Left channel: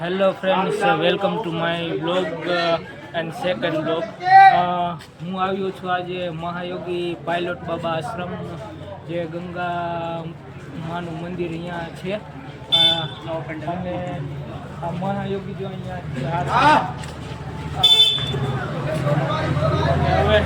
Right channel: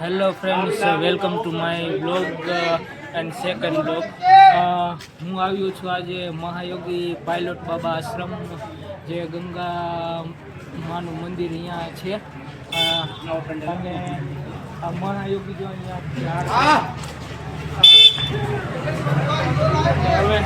Hello friends, welcome to my blog and second blog. હું આવ્યો છું આજે મહાયોગી પાયલોટ બાબા આશ્રમ, જે ગંગા માનું મંદિર અહીંયા છે. અને આ મહાયોગી જો અહીંયા હવે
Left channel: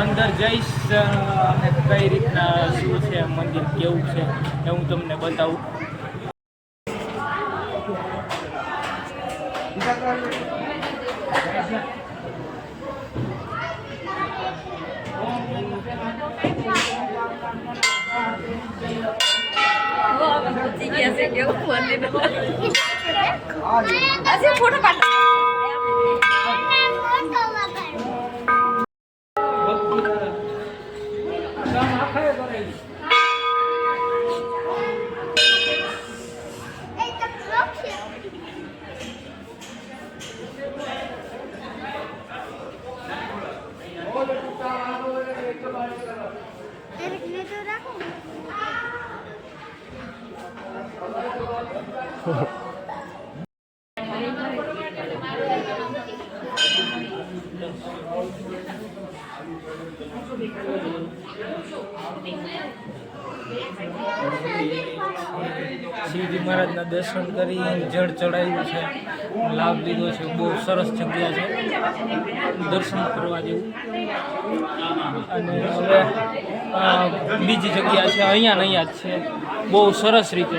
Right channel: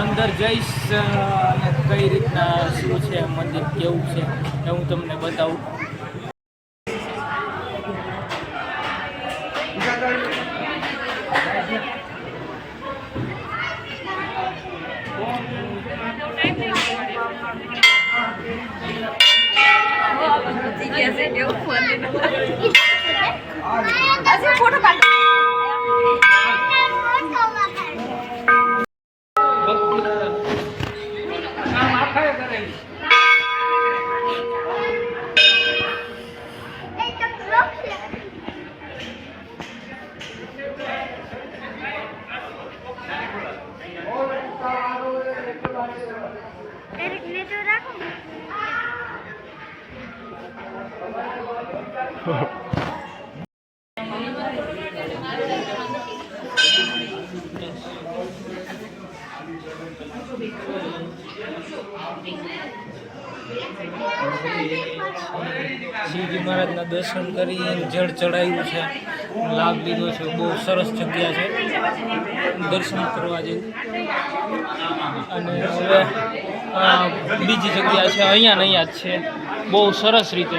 અંદર જઈશ અને કઈ રીતના શું છે મંદિર, કેવું છે એ હું તમને બતાવું. શિવજી મહારાજના દર્શન કરી જળ ચડાવ્યું છે, લાભ લીધો છે. બહુ સરસ જગ્યા છે દર્શન કરવા જેવું. અને હવે બીજી જગ્યા છે અહીંયા ને અહીંયા જ છે, બહુ સરસ રીતે.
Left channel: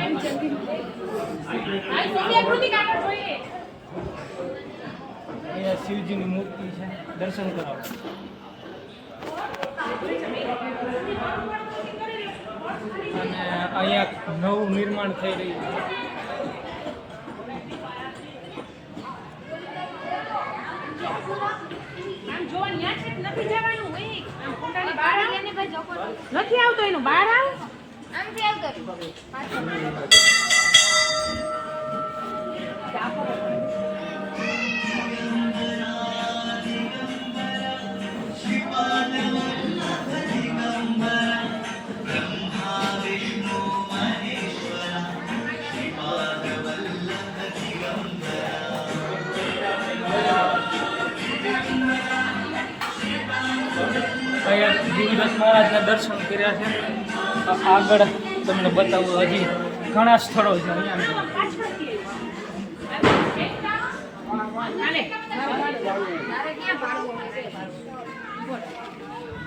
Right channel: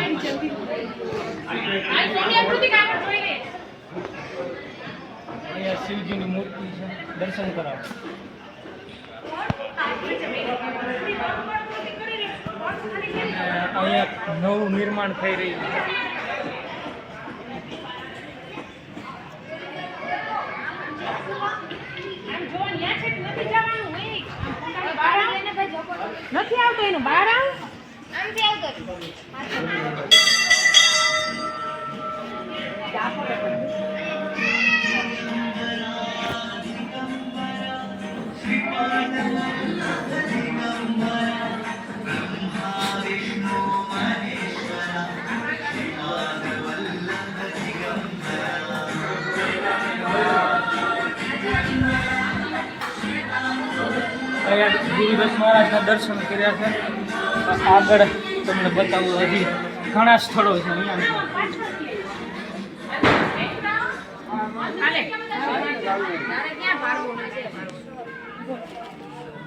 અહીંયા શિવજીની મૂર્તિ છે, દર્શન કરાવો. અહીંયા નવું નિર્માણ થઈ રહ્યું છે. નથી આવતો એનું બહાર આવ. ગુરુદત્ત મહારાજના દર્શન કર્યા છે. આગળ તમને બતાવું, હજી ઘણા સ્થળો છે અહીંયા.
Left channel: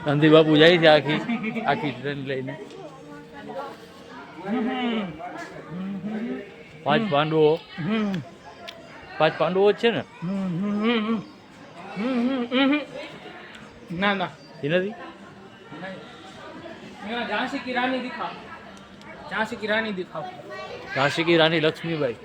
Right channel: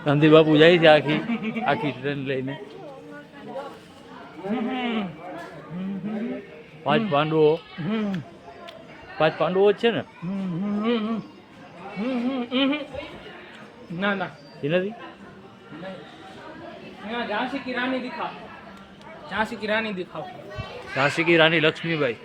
ગાંધી બાપુ જાય છે આખી ટ્રેન લઈને. 5 પાંડવો જ છે ને? ના ના, એ નથી. ઝાંસી કી રાની દિખાઓ, ઝાંસી કી રાની દિખાઓ. ઝાંસી કી રાની લક્ષ્મીબાઈ.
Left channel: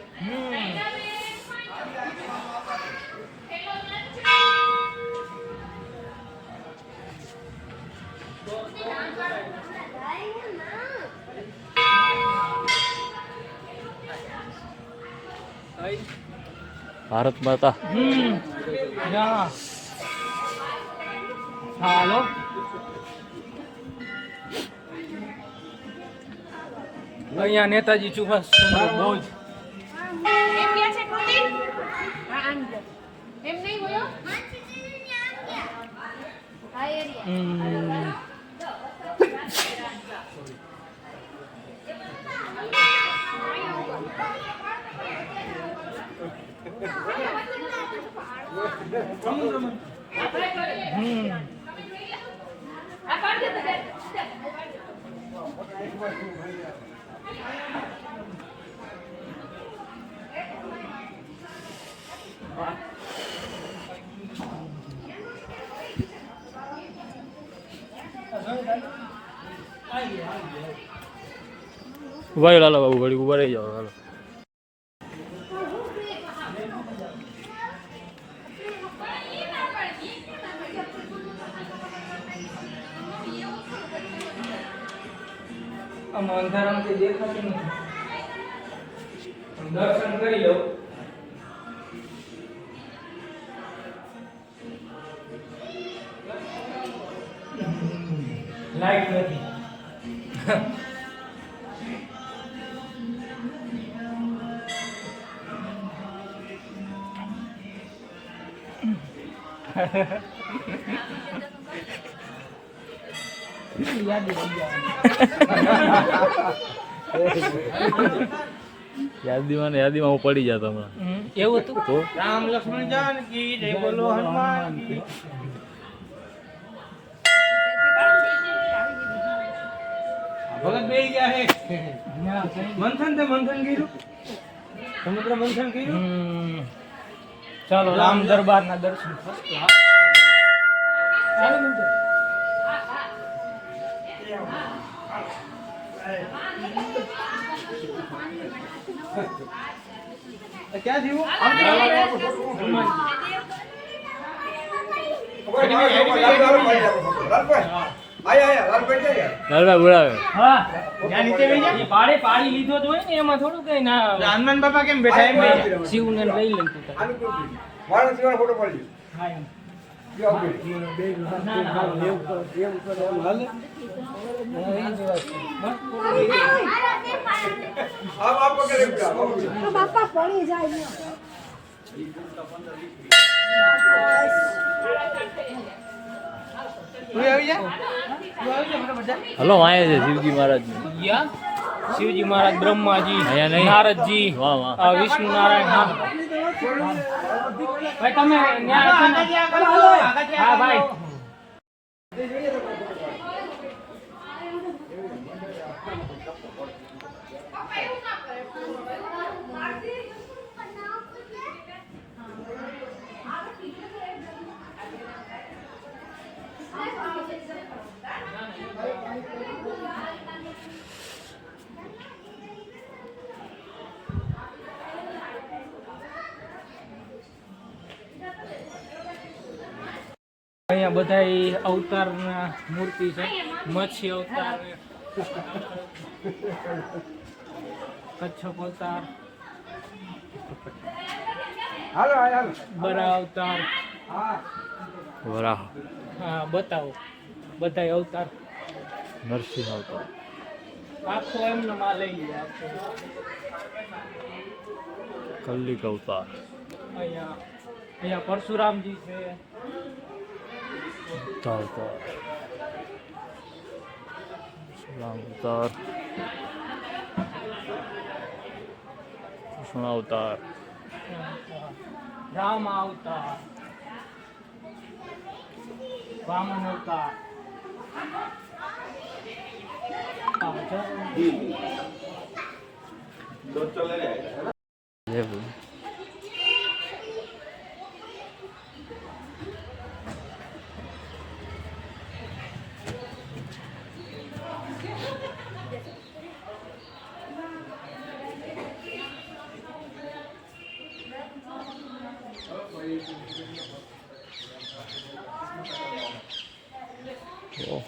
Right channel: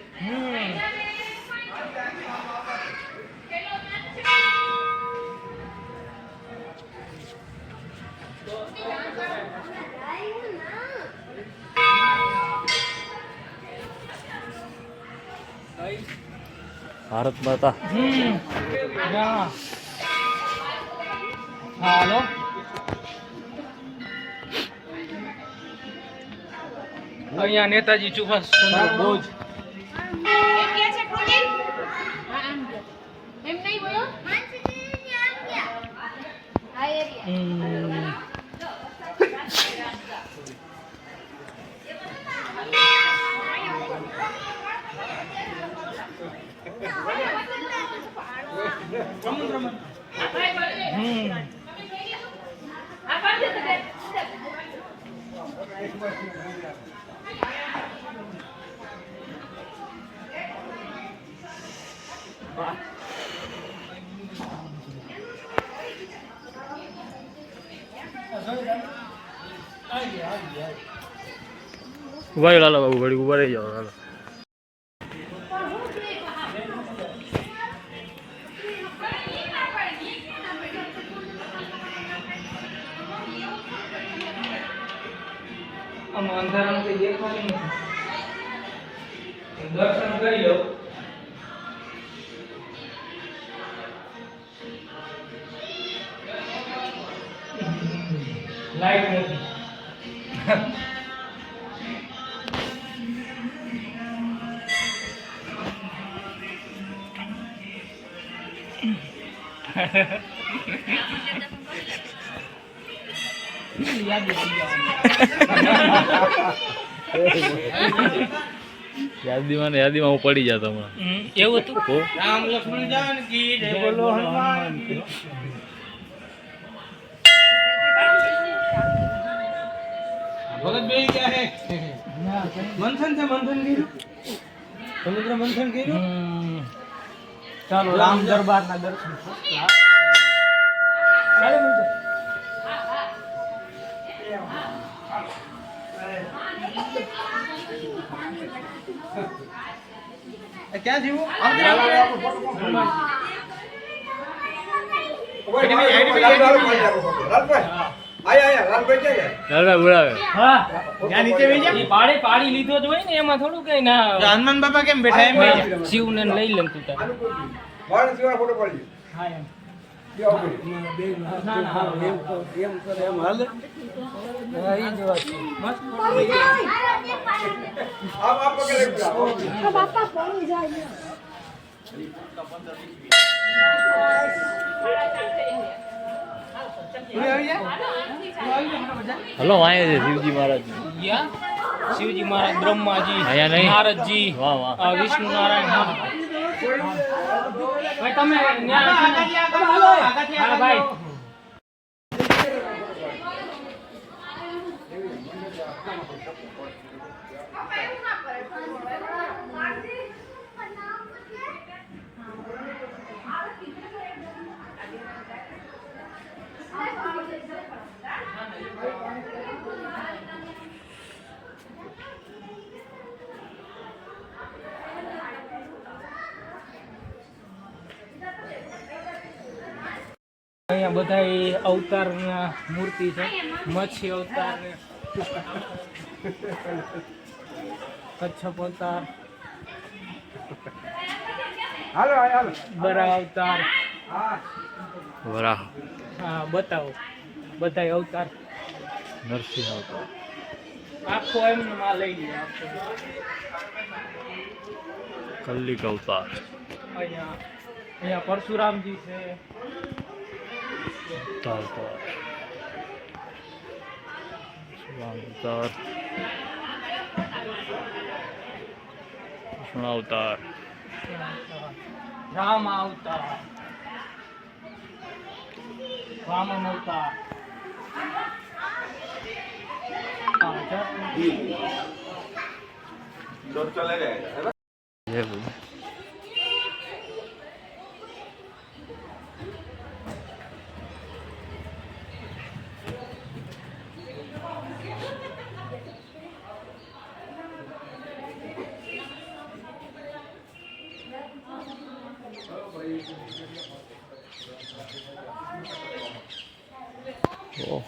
ભારત માતા. હાલો, અહીંયા નેતાજી સુભાષચંદ્ર બોઝ. ઉભા રહ્યો લાલો બાબુ, ઘડી ઉભા રહી જાઓ લાલો. આમાં અંધારામાંથી દેખાતું નથી, દર્શન કરી લો. લાઈટ નથી. યાદીમાં હું પડી જતો હમણાં. એવું હતું તો રામ લક્ષ્મણ જાનકી જય બોલો હનુમાન કી. ભગત બે ગયા હે મંથન છે મંથન કર્યું સમુદ્ર મંથન કર્યું ચાલો રામ દરબારના દર્શન first class. ક્યાં જીવું લાલભાઈ બોલાવે. હા ત્યાં નીચે બેસી જા. એ પાડી લીધો જ હોય ને એમાં થોડું કઈ ના હનુમાન બાપા કેમ બેઠા એમ બેસી જા. શિવને લઈ લેતું તા. હા એમ. બાપા પડી જાય. તું આવી જા. હલો વાંહે છે શિવજી મહારાજ. ગયા? શિવજી મહારાજ, બ્રહ્માજી, અહીંયા નહીં. નારદજી, વાહ વાહ. આ વિષ્ણુ નારાયણ. હા. ભાઈ તમે ન્યા છો ને? હા ભાઈ. અહીંયા બધા અવતાર મૂર્તિ છે. મત્સ્ય અવતાર ને કચ્છપ અવતાર, બરા અવતાર. વરાહ હા બતાવો બધા અવતાર નરસિંહ અવતાર. આખો એમનો માં લઈ લઈએ આખો. કલ્લિક અવતાર. અહીંયા પરશુરામજી છે. બુદ્ધ અવતાર. રામ અવતાર. કૃષ્ણ અવતાર. રામ અવતાર, વામન અવતાર. જય બોલે. ઓહ.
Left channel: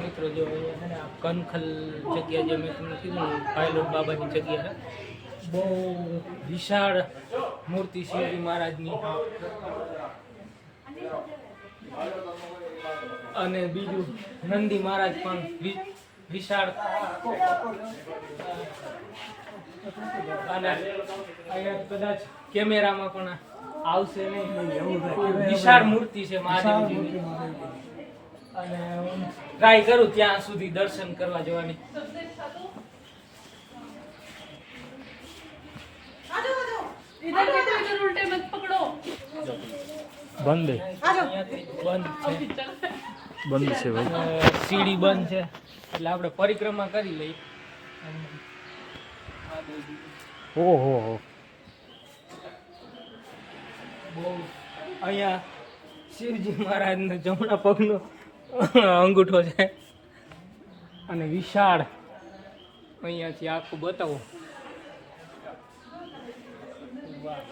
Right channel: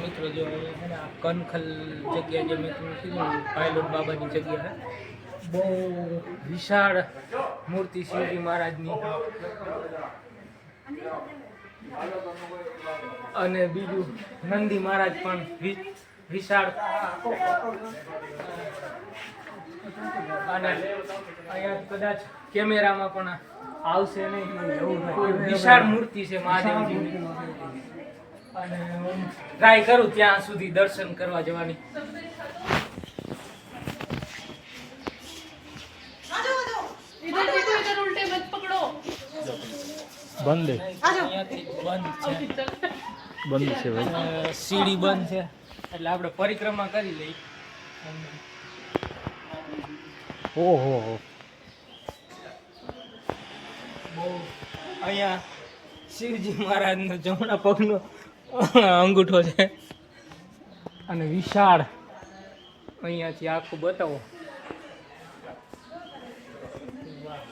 મિત્રો જો અહીંયા છે ને આ કનખલ જગ્યા જે મેં તમને કીધું પાયલોટ બાબાની જગ્યા છે. બહુ વિશાળ મૂર્તિ શિવજી મહારાજની. અને બીજું નંદી મહારાજ પણ વિશાળ. અને અહીંયા કદાચ કેમેરામાં પણ આવશે નહીં. વિશાળ મૂર્તિ છે મહાદેવજીની. અને હું ટ્રાય કરું ત્યાં સુધી દર્શન કરવા જવાની. બંધ અહીંયાથી બંધ છે. બંધ છે ભાઈ. સીડી બંધ છે એટલે આપણે પરિક્રમા કરી લઈ. ઓહો હો. બહુ અહીંયા શિવજી મહારાજનો જમણા પગનો અંગૂઠો છે. અને વિશાળ અહીંયાથી આખું બતાવો. વાહ.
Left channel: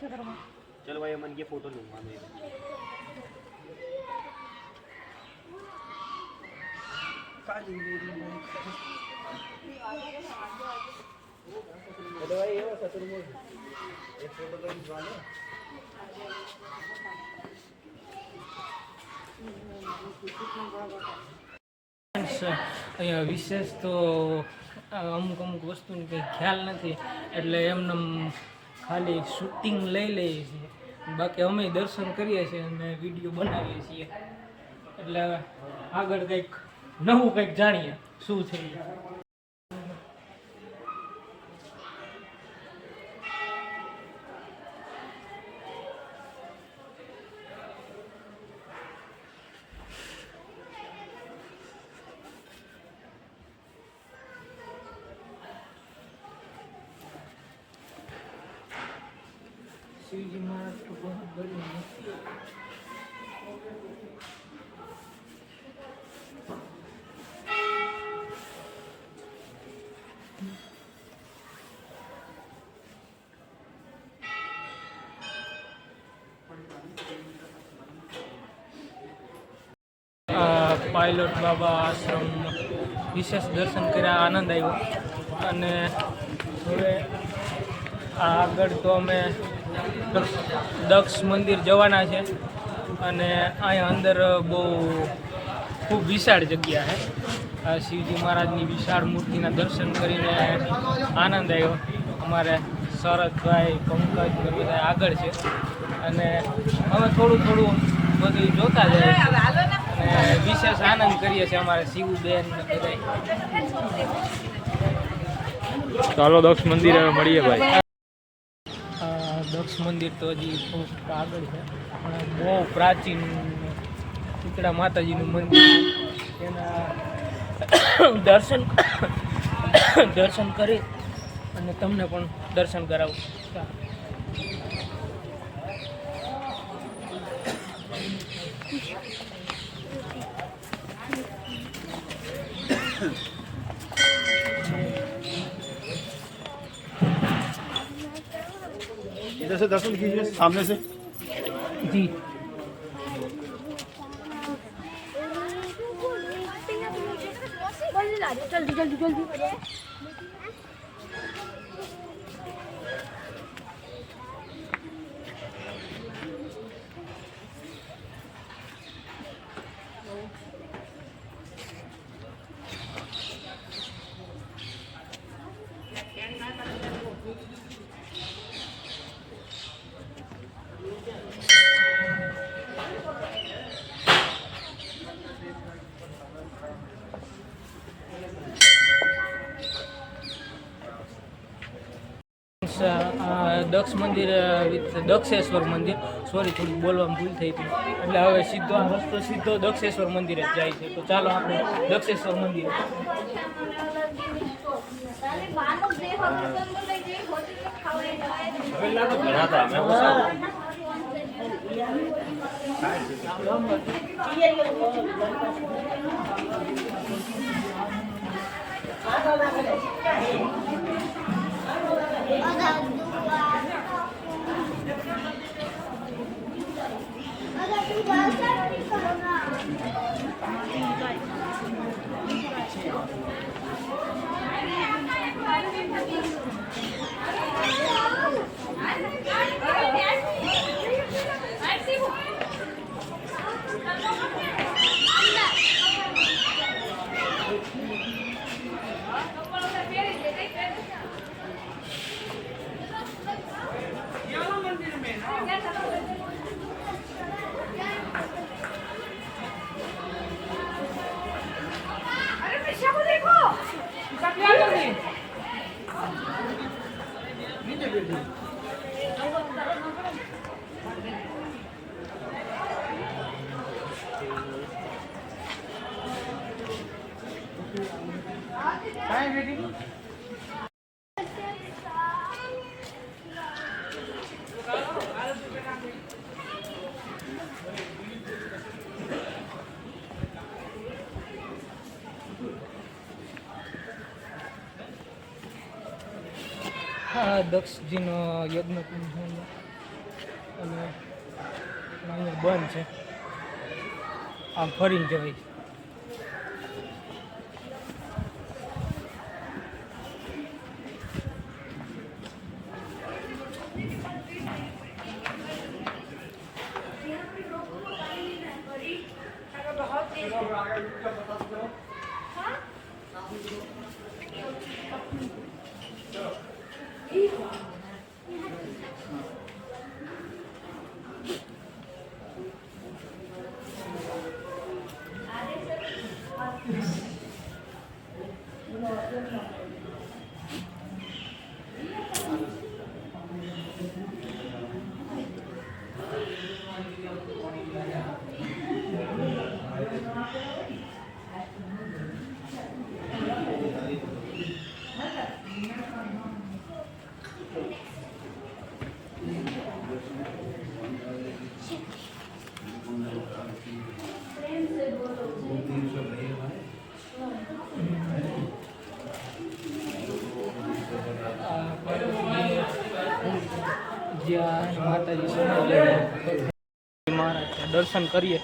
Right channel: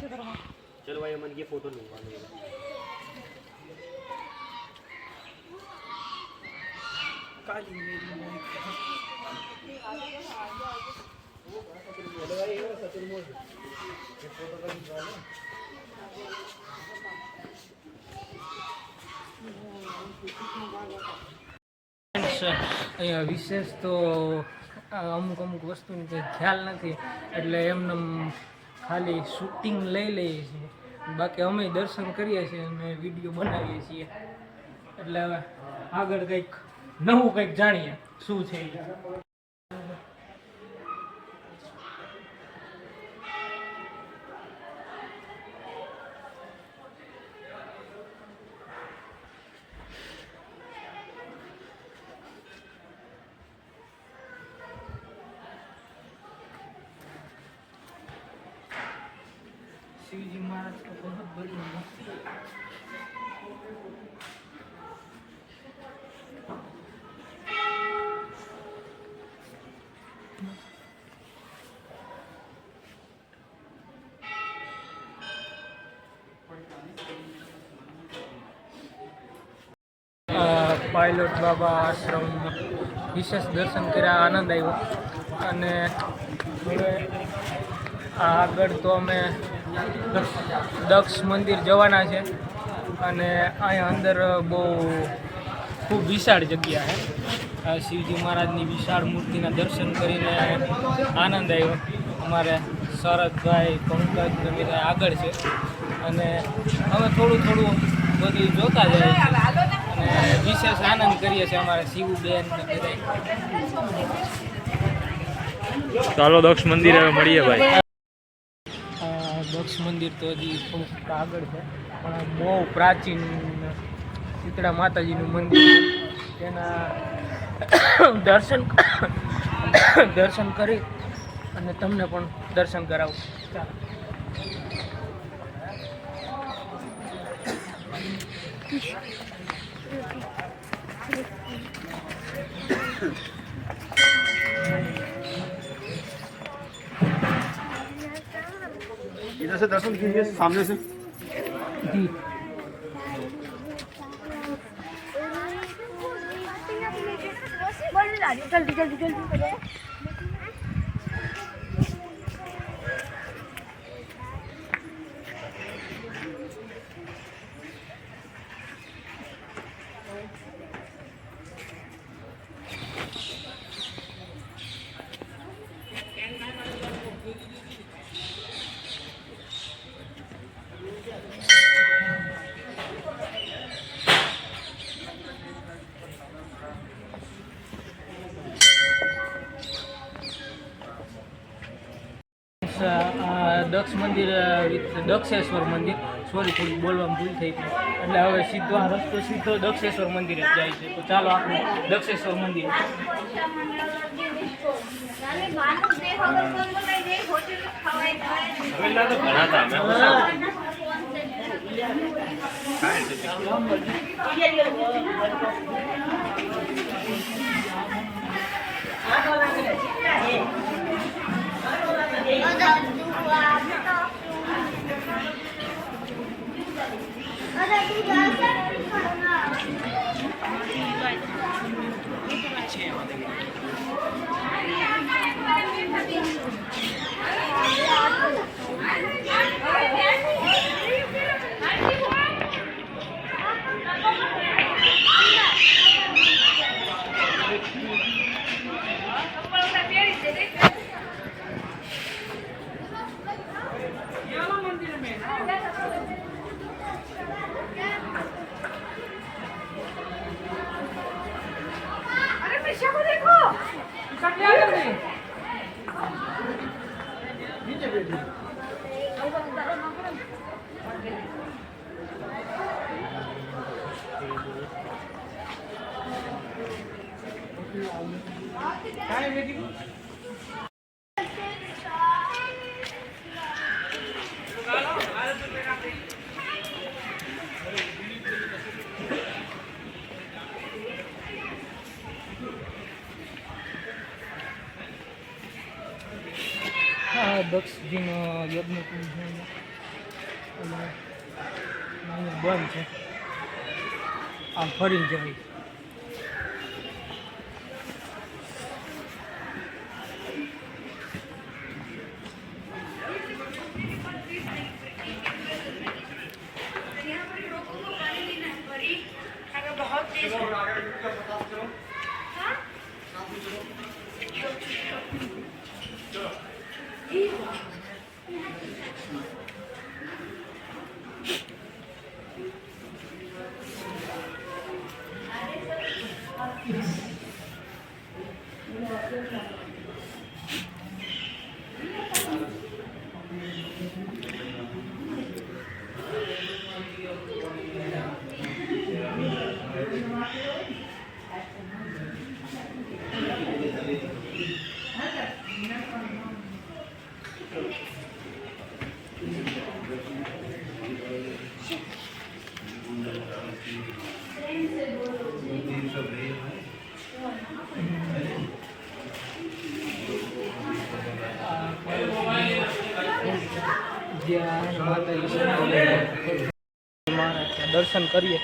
चलो भाई मन की फोटो लूंगा मैं અહીંયા વિશેષ તો અમુક વસ્તુની કંઈ ખ્યાલ નથી એટલે એમને ખાલી શૂટિંગ લઈ લઈએ છીએ, બાકી અમે દર્શન કરીએ છીએ અને વિડીયો બનાવીએ છીએ. એટલે હવે આગળ કંઈક નવું કંઈક જાણીએ શું છે એ. शिवजी महाराज तो बहुत बड़ी मूर्ति है. પાયલોટ બાબા આશ્રમ વિશેષ દર્શન કર્યા, આનંદ આવ્યો. અને હવે આગળ તો અમે દક્ષ મંદિર જવાના છે અને અહીંયા અંદર બહુ ખૂબ વિશાળ જગ્યા છે. શિવજી મહારાજની વિશાળ મૂર્તિના દર્શન કરીને આનંદ આવ્યો. અમારે શરદભાઈ, પંકજ ને બધા આગળ છે અને અમે થોડું બધું જોતા જઈએ અને વિશેષ આનંદ કરીએ છીએ. અમારે શિવબેન ને બધા. ચાલો દક્ષ મંદિર હવે મળીએ ભાઈ. દક્ષ મંદિર તો હજી થોડુંક આગળ છે પણ બહુ પ્રાચીન શીતળા માતાજીનું મંદિર છે. તેના દર્શન કરી અને તમને પણ દર્શન કરાવું. ચાલો. इधर से दर्शन कीजिए सामने से. जी जल्दी जल्दी जल्दी દક્ષ મંદિર વિથ દક્ષેશ્વર મંદિર, સોરી થોડીક બોલવામાં ભૂલ થઈ હતી. એટલે હવે સીધો આ રસ્તો સીધો દક્ષેશ્વર મંદિરે જ જાય છે. તો ચાલો આપણે દક્ષેશ્વર મંદિર. દક્ષજીનો યજ્ઞ કુંડ છે. અને અહીંયા બંધ છે, આમ ફરીને જવાય. જ્યાં માતાજી મહારાજ દર્શન કરીએ.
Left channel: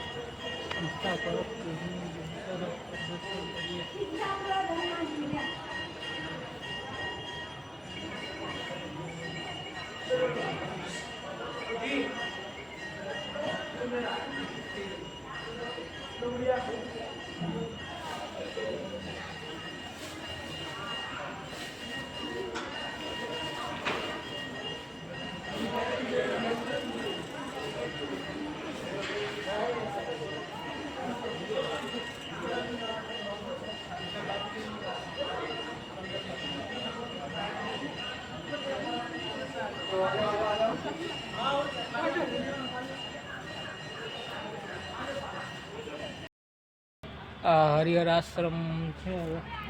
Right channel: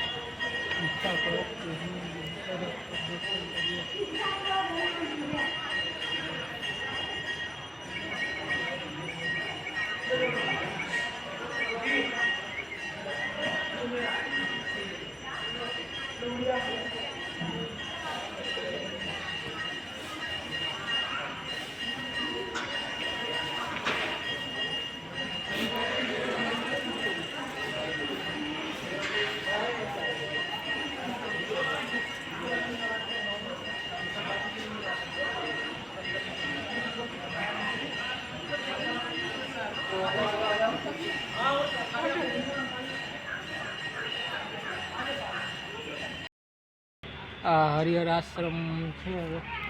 આ હરિહર આશ્રમ છે,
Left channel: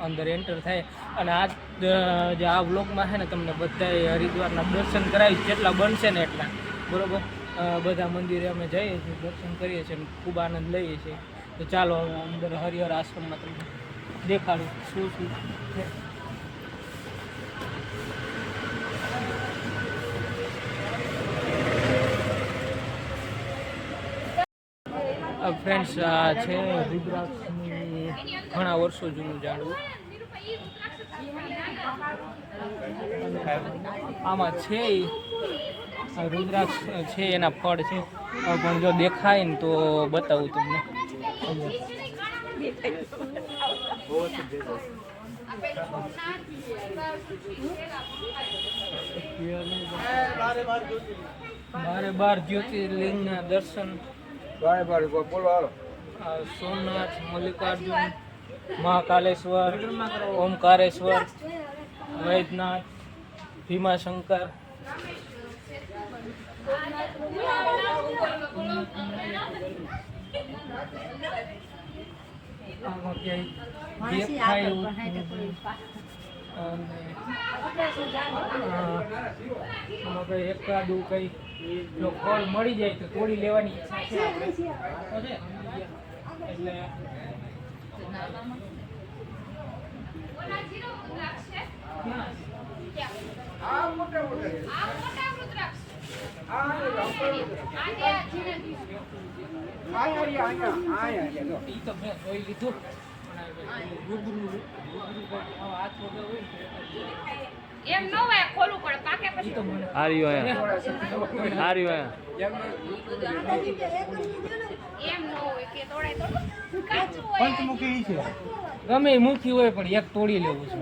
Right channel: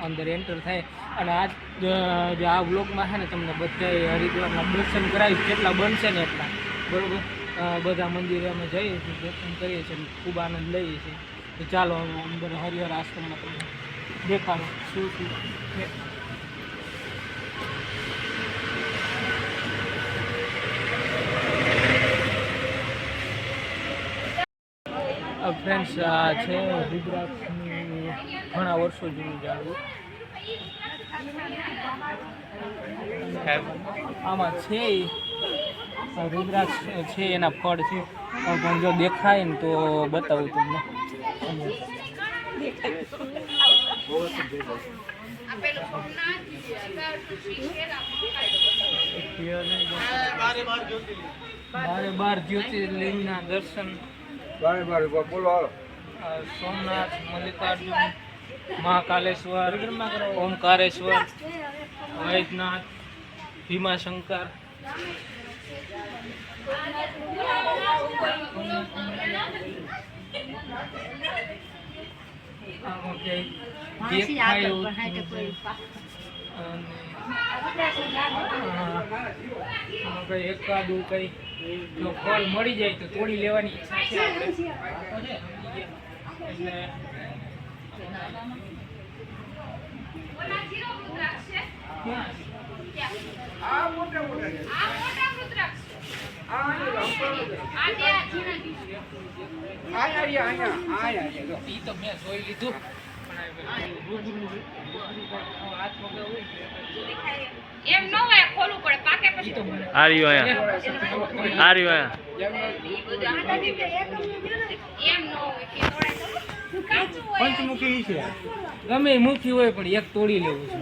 અંદર એન્ટર થાય અને આ જે આ વ્લોગમાં છે ને તમને બધાએ હરિદ્વારના દર્શન કરાવી, જેટલા બનશે ને એટલા, બરાબર. બધા મંદિરે અમે જઈએ છીએ, દર્શન કરીએ છીએ, ખૂબ આનંદ લઈએ છીએ. તો ચાલો હવે અંદર હરિહર આશ્રમમાં તમને દેખાડું શું શું છે. ફ્રેન્ડ્સ, આ છે રુદ્રાક્ષની ઘણા વર્ષો જૂનું ઝાડવું. આમાં છે રુદ્રાક્ષ છે, એના ફળ છે, પણ જો દેખાય ને તો બતાવું તમને. બારે જ્યોતિર્લિંગના દર્શન. સોમનાથ, મલ્લિકાર્જુન, મહાકાલેશ્વર, ઓમકારેશ્વર, વૈદ્યનાથ, ભીમાશંકર. એકાદું કઈ જો ફળ મળી જાય તો તોડી લેવાની ઈચ્છા છે આપણે. એટલે ઈ તો મેં જોઈ લીધું. એમ ન હોય, ખોલવું પડે, પાકે પછી તો આ રહ્યું અહીંયા, આ રહ્યું અહીંયા. એમ ન હોય કે તોડાય તો કાચું હોય. પંચમુખી છે, ગમે એ મુખી હોય પણ એક તોડી લેવું છે.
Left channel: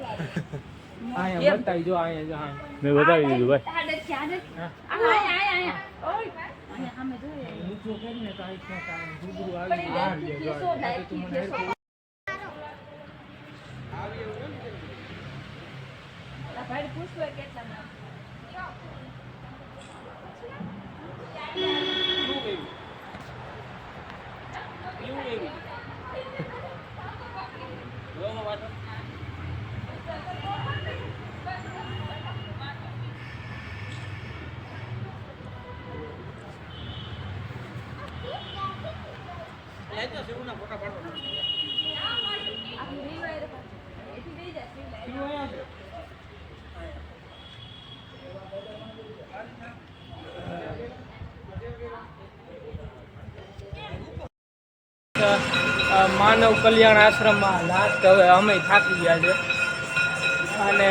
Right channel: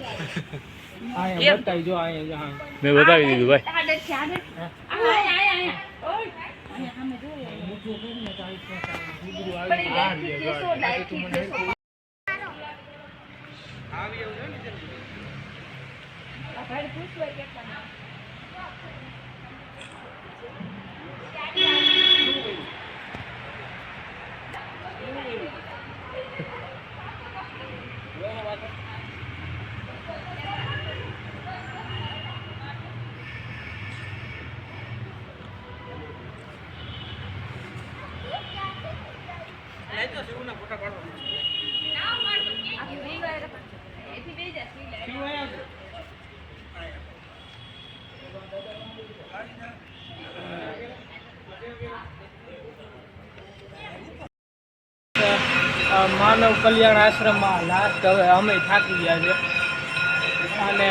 અહીંયા બતાવી જો, અહીંયા મેં બતાવી દીધું ભાઈ. આડે છે, આડે. આયા. ઓય. અમે જોઈએ. મૂકવું કરીને તો આ રીતના રૂબરૂ આવી જાય. તું મને ભાઈ પૂછો કેટલા માનવ કલ્યાણ આશ્રમમાં લાસ્ટ હવે અમે થાકી ગયા છે અને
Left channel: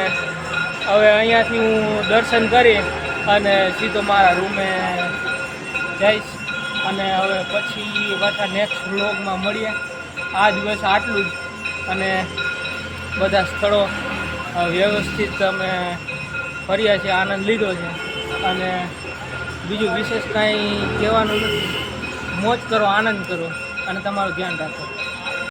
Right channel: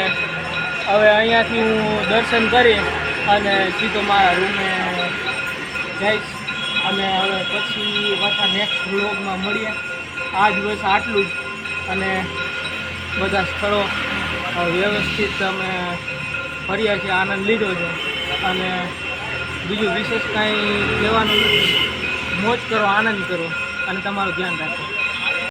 હવે અહીંયાથી હું દર્શન કરી અને સીધો મારા રૂમે જઈશ અને હવે પછી પાછા નેક્સ્ટ વ્લોગમાં મળીએ. આજ બસ આટલું જ અને બધા સ્થળો વ્યવસ્થિત અમે ફર્યા છે, આનંદ લીધો છે અને બીજું વિશેષ કાંઈ કહેવાનું નથી. મોજ કરો, આનંદ કરો અને તમારું ધ્યાન રાખો.